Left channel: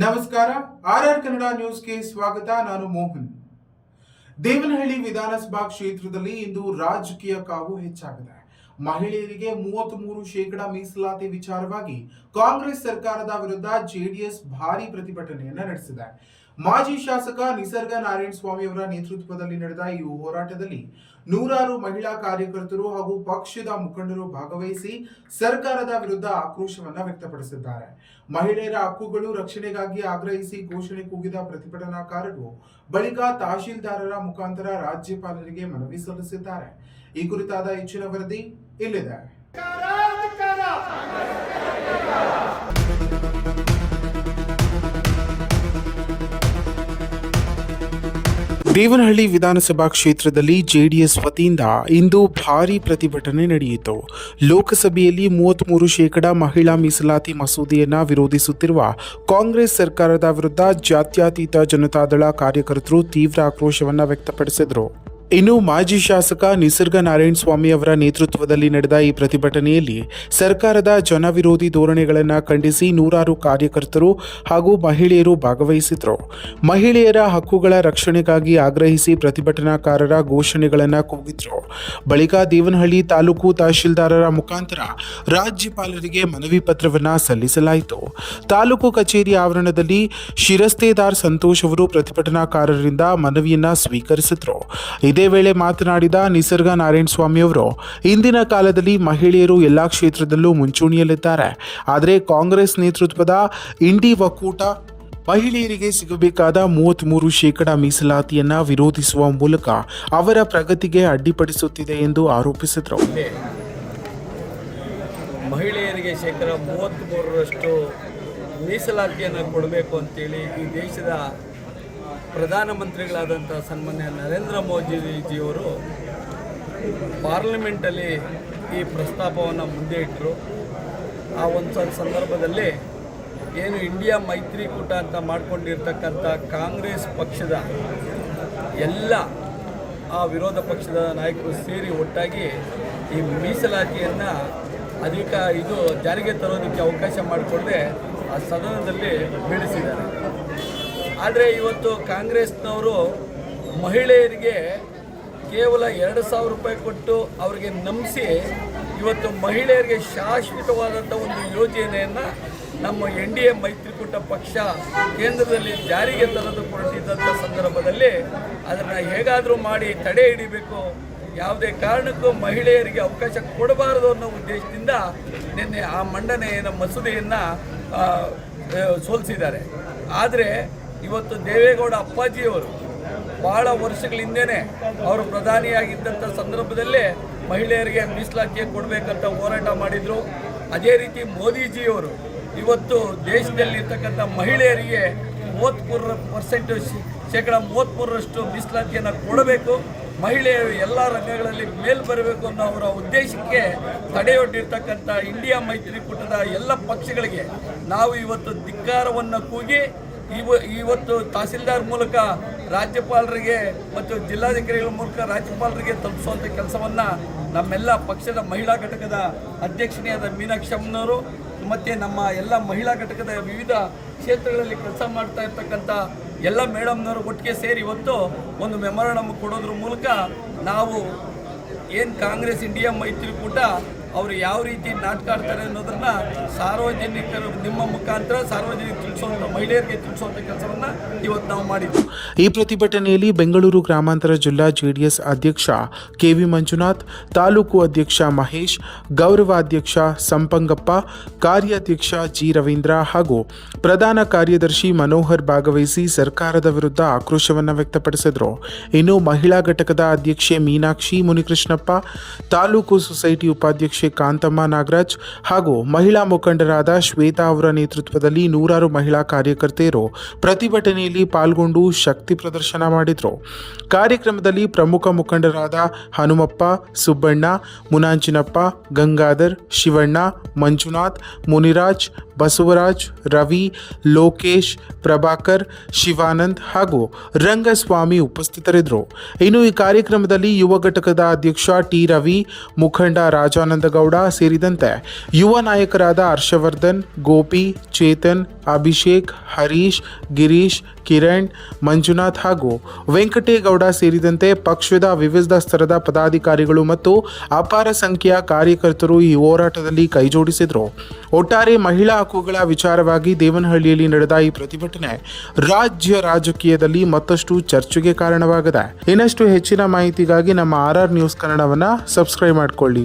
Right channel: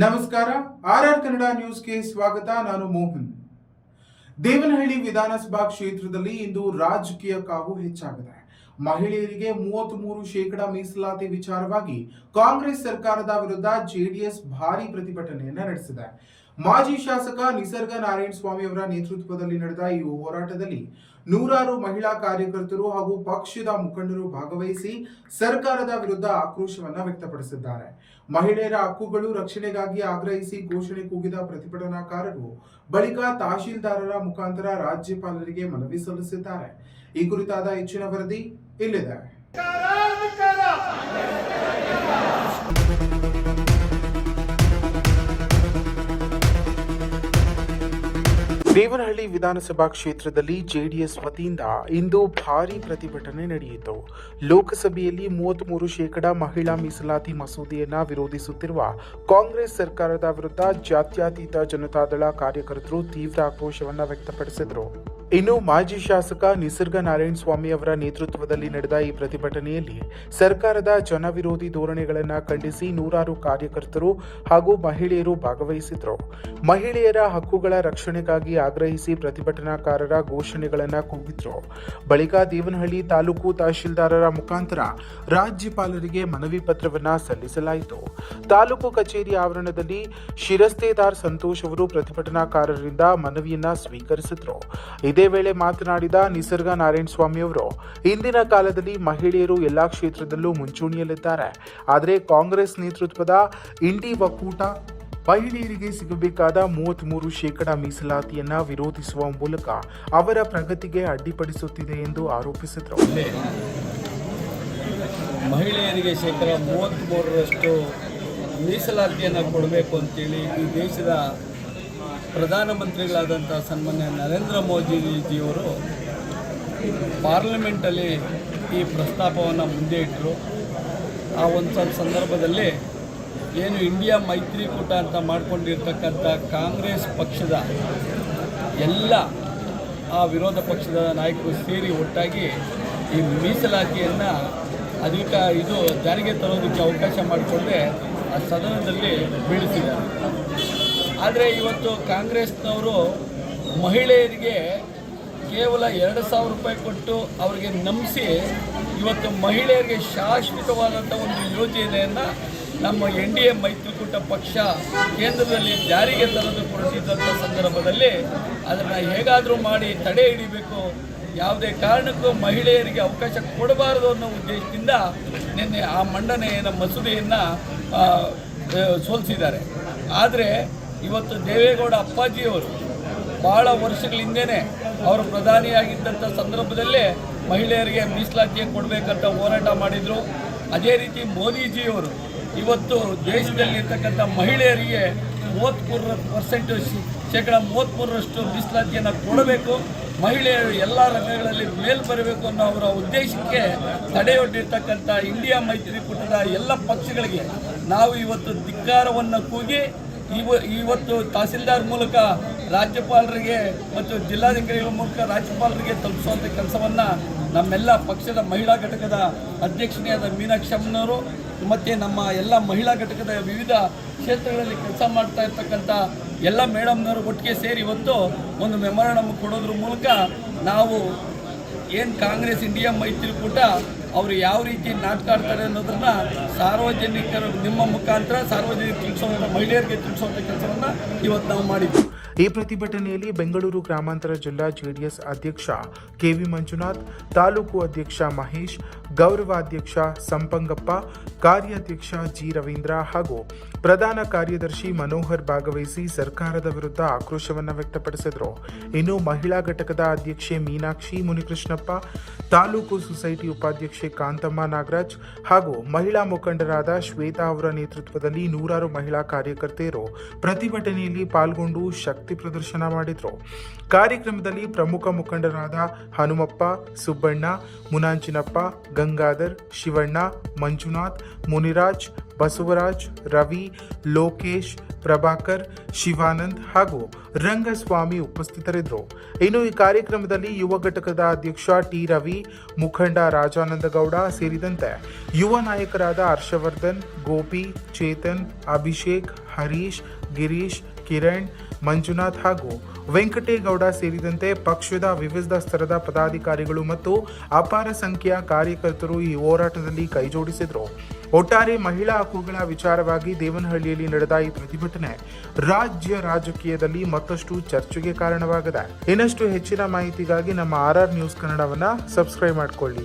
ನಮಸ್ಕಾರ. ಆರ್ಆರ್ ಕನ್ನಡ ನ್ಯೂಸ್ಗೆ ಸ್ವಾಗತ. ನಾನು ಮೋಹನ್. ದೇವನಹಳ್ಳಿ ವಿಧಾನಸಭಾ ಕ್ಷೇತ್ರದಲ್ಲಿ ಇಂದು ರಾಜಕೀಯ ಕಾವು ಹೆಚ್ಚಾಗಿದೆ. ಮಹಿಳೆಯರಿಗೆ 33% ಮೀಸಲಾತಿ ವಿಚಾರವಾಗಿ ಕಾಂಗ್ರೆಸ್ ಸರ್ಕಾರದ ವಿರುದ್ಧ ಜೆಡಿಎಸ್ ಭಾರೀ ಪ್ರತಿಭಟನೆಯನ್ನು ನಡೆಸಿದೆ. ಮಾಜಿ ಶಾಸಕ ನಿಸರ್ಗ ನಾರಾಯಣಸ್ವಾಮಿ ಅವರ ನೇತೃತ್ವದಲ್ಲಿ ನಡೆದ ಈ ಹೋರಾಟದಲ್ಲಿ ನೂರಾರು ಮಹಿಳಾ ಕಾರ್ಯಕರ್ತರು ಹಾಗೂ ಪಕ್ಷದ ಮುಖಂಡರು ಭಾಗವಹಿಸಿ ಸರ್ಕಾರದ ವಿರುದ್ಧ ಆಕ್ರೋಶವನ್ನ ವ್ಯಕ್ತಪಡಿಸಿದ್ದಾರೆ. ಮಹಿಳೆಯರ ಹಕ್ಕುಗಳು ರಕ್ಷಣೆಗಾಗಿ ಆಗ್ರಹಿಸಿ ಘೋಷಣೆ ಕೂಗಿದ ಪ್ರತಿಭಟನಾಕಾರರು ಬಳಿಕ ತಹಶೀಲ್ದಾರರ ಮುಖಾಂತರ ರಾಜ್ಯಪಾಲರಿಗೆ ಮನವಿ ಸಲ್ಲಿಸಿದ್ದಾರೆ. ಈ ಕುರಿತಾದ ಹೆಚ್ಚಿನ ವರದಿ ಇಲ್ಲಿದೆ. ದೇವನಹಳ್ಳಿ ವಿಧಾನಸಭಾ ಕ್ಷೇತ್ರದಲ್ಲಿ ಜೆಡಿಎಸ್ ವತಿಯಿಂದ ಇಂದು ಭಾರೀ ಪ್ರತಿಭಟನೆ ನಡೆಯಿತು. ಲೋಕಸಭೆಯಲ್ಲಿ 33% ಮಹಿಳಾ ಮೀಸಲಾತಿ ಮಸೂದೆಯನ್ನು ವಿರೋಧಿಸುತ್ತಿರುವ ಕಾಂಗ್ರೆಸ್ ಸರ್ಕಾರದ ವಿರುದ್ಧ ಜಾತ್ಯತೀತ ಜನತಾದಳ ಕಾರ್ಯಕರ್ತರು ತೀವ್ರ ಆಕ್ರೋಶವನ್ನು ವ್ಯಕ್ತಪಡಿಸಿದರು. ಇನ್ನು ಮಾಜಿ ಶಾಸಕ ನಿಸರ್ಗ ನಾರಾಯಣಸ್ವಾಮಿ ಅವರ ನೇತೃತ್ವದಲ್ಲಿ ನಡೆದ ಈ ಪ್ರತಿಭಟನೆಯಲ್ಲಿ ಸರ್ಕಾರದ ಜನವಿರೋಧಿ ಧೋರಣೆಗಳನ್ನು ಖಂಡಿಸಿ ನೂರಾರು ಕಾರ್ಯಕರ್ತರು ಹಾಗೂ ಮಹಿಳೆಯರು ಭಾಗವಹಿಸಿದರು. ಮಹಿಳೆಯರ ಹಕ್ಕುಗಳ ರಕ್ಷಣೆಗಾಗಿ ಆಗ್ರಹಿಸಿ ಪ್ರತಿಭಟನಾಕಾರರ ಘೋಷಣೆಗಳನ್ನು ಕೂಗಿದ್ರು. ಬಳಿಕ ದೇವನಹಳ್ಳಿ ತಾಲೂಕು ತಹಶೀಲ್ದಾರರ ಮುಖಾಂತರ ರಾಜ್ಯಪಾಲರಿಗೆ ಮನವಿ ಪತ್ರವನ್ನು ಸಲ್ಲಿಸಲಾಯಿತು. ತಾಲೂಕು ಕಚೇರಿ ಆವರಣದಲ್ಲಿ ಶಿರಸ್ತೇದಾರ್ ಸಂತೋಷ್ ಅವರು ಪ್ರತಿಭಟನಾಕಾರರಿಂದ ಮನವಿಯನ್ನ ಸ್ವೀಕರಿಸಿದರು. ಇದೇ ವೇಳೆ ಮಾತನಾಡಿದ ನಿಸರ್ಗ ನಾರಾಯಣಸ್ವಾಮಿ ಅವರು, ಇಂದಿನ ಕಾಲದಲ್ಲಿ ಮಹಿಳೆಯರು ಎಲ್ಲಾ ಕ್ಷೇತ್ರದಲ್ಲೂ ಮುಂಚೂಣಿಯಲ್ಲಿದ್ದಾರೆ. ಆದರೆ ಕಾಂಗ್ರೆಸ್ ನೇತೃತ್ವದ ಇಂಡಿ ಒಕ್ಕೂಟ ಮಹಿಳೆಯರಿಗೆ ಸಿಗಬೇಕಾದ 33% ಮೀಸಲಾತಿಯನ್ನ ವಿರೋಧಿಸುವ ಮೂಲಕ ಅವರ ಪ್ರಗತಿಗೆ ಅಡ್ಡಿಪಡಿಸುತ್ತಿದೆ ಎಂದು ಆರೋಪಿಸಿದರು. ಮಹಿಳೆಯರಿಗೆ 33% ಮೀಸಲಾತಿಯನ್ನು ಕೊಡಬೇಕು ಅಂತೇಳಿ ಈ ದೇಶದ ಪ್ರಧಾನಮಂತ್ರಿಗಳಾದಂಥ ಸನ್ಮಾನ್ಯ ನರೇಂದ್ರ ಮೋದಿಜಿಯವರು ಪಾರ್ಲಿಮೆಂಟಲ್ಲಿ ಈ ಪ್ರಸ್ತಾಪವನ್ನು ಮುಂದೆ ಇಟ್ಟರು. ಆ ಒಂದು ಸಂದರ್ಭದಲ್ಲಿ ಏನು ಇಂಡಿಯಾ ಮೈತ್ರಿಕೂಟ ಅಂತ ಮಾಡಿಕೊಂಡಿರ್ತಕ್ಕಂಥ ಕಾಂಗ್ರೆಸ್ ಪಕ್ಷದ ಎಲ್ಲ ಆ ವಿರೋಧ ಪಕ್ಷದ ನಾಯಕರು ಸೇರಿ ಒಟ್ಟಾಗಿ ಈ ಮೀಸಲಾತಿಯನ್ನು ಜಾರಿಗೆ ತರೋದಕ್ಕೆ ಅವಕಾಶ ಮಾಡಿಕೊಂಡೆ ಆ ಸದನದಲ್ಲಿ ಬೀಳಿಸಿದ್ದಾರೆ. ಆದರೆ ಇವತ್ತು ಕಾಂಗ್ರೆಸ್ನವರು ಮಹಿಳೆಯರಿಗೆ ಕೇವಲ 2,000 ರೂಪಾಯಿ ಕೊಟ್ಟು ಅವರಿಗೆ ನಂಬಿಸಿ ಇವತ್ತು ಮಹಿಳೆಯರಿಗೆ ಶಾಶ್ವತವಾದಂಥ ಒಂದು ಯೋಜನೆಯನ್ನು ನಮ್ಮ NDA ಮೈತ್ರಿಕೂಟ ಪಕ್ಷ ಕೇಂದ್ರದಲ್ಲಿ ಜಾರಿಗೆ ತರಲು ಕೊಟ್ಟಿದ್ದಂಥ ಸಂದರ್ಭದಲ್ಲಿ ಅದನ್ನು ಹೇಗಾದರೂ ಮಾಡಿ ತಡೆ ಹಿಡಿಬೇಕು, ಯಾವುದೇ ಕಾರಣಕ್ಕೂ ಮಹಿಳೆಯರಿಗೆ ಅವಕಾಶ ಕೊಡಬಾರದು ಅನ್ನೋ ಉದ್ದೇಶದಿಂದ ನಿನ್ನೆ ಆ ಮಂಡನೆಯ ಮಸೂದೆಯನ್ನು ಸೋಲಿಸಿದ್ದಾರೆ. ಆದರೆ ಇವತ್ತು ದೇವೇಗೌಡ ಅಪ್ಪಾಜಿಯವರು ಭಾಳ ವರ್ಷಗಳ ಹಿಂದೆಯೇ ಅವರು ಪ್ರಧಾನಿಯಾಗಿದ್ದಂಥ ಸಂದರ್ಭದಲ್ಲೇ ಮಹಿಳೆಯರಿಗೆ ಮೀಸಲಾತಿಯನ್ನು ಕೊಡಬೇಕಂತ ಹೋರಾಟ ಮಾಡಿದರು. ಅದೇ ರೀತಿ ಮೋದಿಜಿಯವರು ಇವತ್ತು ದೇಶದಲ್ಲಿರ್ತಕ್ಕಂಥ ಮಹಿಳೆಯರಿಗೆ 33% ಮೀಸಲಾತಿಯನ್ನು ಕೊಡಬೇಕು, ಮಹಿಳೆಯರು ಎಲ್ಲ ರಂಗಗಳಲ್ಲಿ ಮೇಲ್ ಬರಬೇಕು ಅನ್ನೋ ಅವರ ಉದ್ದೇಶಕ್ಕೆ ತಡೆಯೊಡ್ಡಿರ್ತಕ್ಕಂಥ ಇಂಡಿಯಾ ಮೈತ್ರಿಕೂಟದ ಎಲ್ಲ ಪಕ್ಷಗಳಿಗೆ ನಾವು ಇವತ್ತು ಧಿಕ್ಕಾರವನ್ನು ಕೂಗಿ ಇವತ್ತು ತಹಸೀಲ್ದಾರ್ ಮೂಲಕ ರಾಜ್ಯಪಾಲರಿಗೆ ಮತ್ತು ಜಿಲ್ಲಾಧಿಕಾರಿಗಳ ಮೂಲಕ ರಾಜ್ಯಪಾಲರಿಗೆ ತಲುಪಿಸುವಂಥ ಕೆಲಸವನ್ನು ನಮ್ಮೆಲ್ಲ ಪಕ್ಷದ ಮಹಿಳಾ ಘಟಕದ ಅಧ್ಯಕ್ಷತೆಯಾದ ಮೀನಾಕ್ಷಿ ಅಮ್ಮನವರು ಮತ್ತು ನಮ್ಮ ಎಲ್ಲ ಮಹಿಳಾ ಘಟಕದ ವಿವಿಧ ಕ್ಷೇತ್ರಗಳಲ್ಲಿ ಕೆಲಸ ಮಾಡ್ತಾ ಇರ್ತಕ್ಕಂಥ ಎಲ್ಲ ಮೇಡಮ್ನವರು ಒಟ್ಟಿಗೆ ಸೇರಿ ಇವತ್ತು ಒಂದು ಮೆಮೊರಾಂಡಮ್ ಕೊಡೋದ್ರ ಮೂಲಕ ನಾವು ಏನು ಕಾಂಗ್ರೆಸ್ ಇಂಡಿಯಾ ಮೈತ್ರಿಕೂಟ ಅವರು ಯಾವ ರೀತಿ ನಾಟಕ ಆಡ್ತಾರೆ ಅನ್ನೋದನ್ನು ಸಾರ್ವಜನಿಕರು ನಿಮ್ಮ ಮುಖಾಂತರ ಸಾರ್ವಜನಿಕರು ತಿಳಿಸುವಂಥ ಮಹಿಳೆಯರಿಗೆ ತಿಳಿಸುವಂಥ ಕೆಲಸವನ್ನು ಇವತ್ತು ನಾವು ಮಾಡಿದ್ವಿ. ಈ ಪ್ರತಿಭಟನೆಯಲ್ಲಿ ಬೆಂಗಳೂರು ಗ್ರಾಮಾಂತರ ಜಿಲ್ಲಾ ಜೆಡಿಎಸ್ ಅಧ್ಯಕ್ಷ KV ಮಂಜುನಾಥ್, ತಾಲೂಕು ಅಧ್ಯಕ್ಷ ಮಹೇಶ್, ಗೌರವಾಧ್ಯಕ್ಷ ಸಂಪಂಗಪ್ಪ, ಕಾರ್ಯಾಧ್ಯಕ್ಷ G ರವೀಂದ್ರ ಹಾಗೂ ಪ್ರಧಾನ ಕಾರ್ಯದರ್ಶಿ ಮನೋಹರ್ ಭಾಗವಹಿಸಿ ಸರ್ಕಾರದ ವಿರುದ್ಧ ಆಕ್ರೋಶವನ್ನು ವ್ಯಕ್ತಪಡಿಸಿದರು. ಇನ್ನು ಮಹಿಳಾ ಘಟಕದ ಅಧ್ಯಕ್ಷೆ ಮೀನಾಕ್ಷಿ ಮುನಿಕೃಷ್ಣಪ್ಪ, ತಾಲೂಕು ಸೊಸೈಟಿ ಉಪಾಧ್ಯಕ್ಷೆ ಕಾಂತಮ್ಮ ನಾಗರಾಜ್ ಹಾಗೂ ಮಹಿಳಾ ಮುಖಂಡರಾದ ಶ್ವೇತಾ ಅವರ ನೇತೃತ್ವದಲ್ಲಿ ನೂರಾರು ಮಹಿಳಾ ಕಾರ್ಯಕರ್ತೆಯರು ಪ್ರತಿಭಟನೆಯಲ್ಲಿ ಪಾಲ್ಗೊಂಡು ಶಕ್ತಿ ಪ್ರದರ್ಶನ ಮಾಡಿದರು. ಕಾರ್ಯಕ್ರಮದಲ್ಲಿ ಪ್ರಮುಖ ಮುಖಂಡರಾದ ಹನುಮಪ್ಪ, ಸುಬ್ಬಣ್ಣ, ಮುನಾಂಚಿನಪ್ಪ, ಗಂಗಾಧರ್, ಶಿವಣ್ಣ, ಮಂಜುನಾಥ್, ಮುನಿರಾಜ್, ಬಸವರಾಜ್, ರವಿ, ಲೋಕೇಶ್, ಪ್ರಭಾಕರ್, ಶಿವಾನಂದ್ ಹಾಗೂ ರಂಗಸ್ವಾಮಿ ಉಪಸ್ಥಿತರಿದ್ದರು. ಇನ್ನು ಈ ಕಾರ್ಯಕ್ರಮದಲ್ಲಿ ಯುವ ಘಟಕದ ಅಧ್ಯಕ್ಷ T ರವಿ, ಮುಖಂಡ ರಾಜಾನಂದ ಗೌಡ ಸೇರಿದಂತೆ ಯುವ ನಾಯಕರಾದ ಹರ್ಷವರ್ಧನ್, ಗೋಪಿ, ಚೇತನ್, ಅಭಿಷೇಕ್, ಹರೀಶ್, ಗಿರೀಶ್, ಕಿರಣ್, ಮಂಜುನಾಥ್ ಹಾಗೂ ವೆಂಕಟೇಗೌಡ ಸೇರಿದಂತೆ ಪಕ್ಷದ ವಿವಿಧ ಸ್ತರದ ಪದಾಧಿಕಾರಿಗಳು ಮತ್ತು ಅಪಾರ ಸಂಖ್ಯೆಯ ಕಾರ್ಯಕರ್ತರು ಈ ಹೋರಾಟದಲ್ಲಿ ಕೈಜೋಡಿಸಿದರು. ಒಟ್ಟಾರೆ ಮಹಿಳಾ ಹಕ್ಕುಗಳ ವಿಚಾರವಾಗಿ ದೇವನಹಳ್ಳಿಯಲ್ಲಿ ನಡೆದ ಈ ಪ್ರತಿಭಟನೆ ರಾಜ್ಯ ರಾಜಕೀಯದಲ್ಲಿ ಮತ್ತಷ್ಟು ಚರ್ಚೆಗೆ ಕಾರಣವಾಗಿದೆ. ಇನ್ನಷ್ಟು ಹೆಚ್ಚಿನ ಮಾಹಿತಿಗಾಗಿ ನಮ್ಮ RR ನ್ಯೂಸ್ ಕನ್ನಡವನ್ನು ಸಬ್ಸ್ಕ್ರೈಬ್ ಮಾಡಿಕೊಳ್ಳಿ.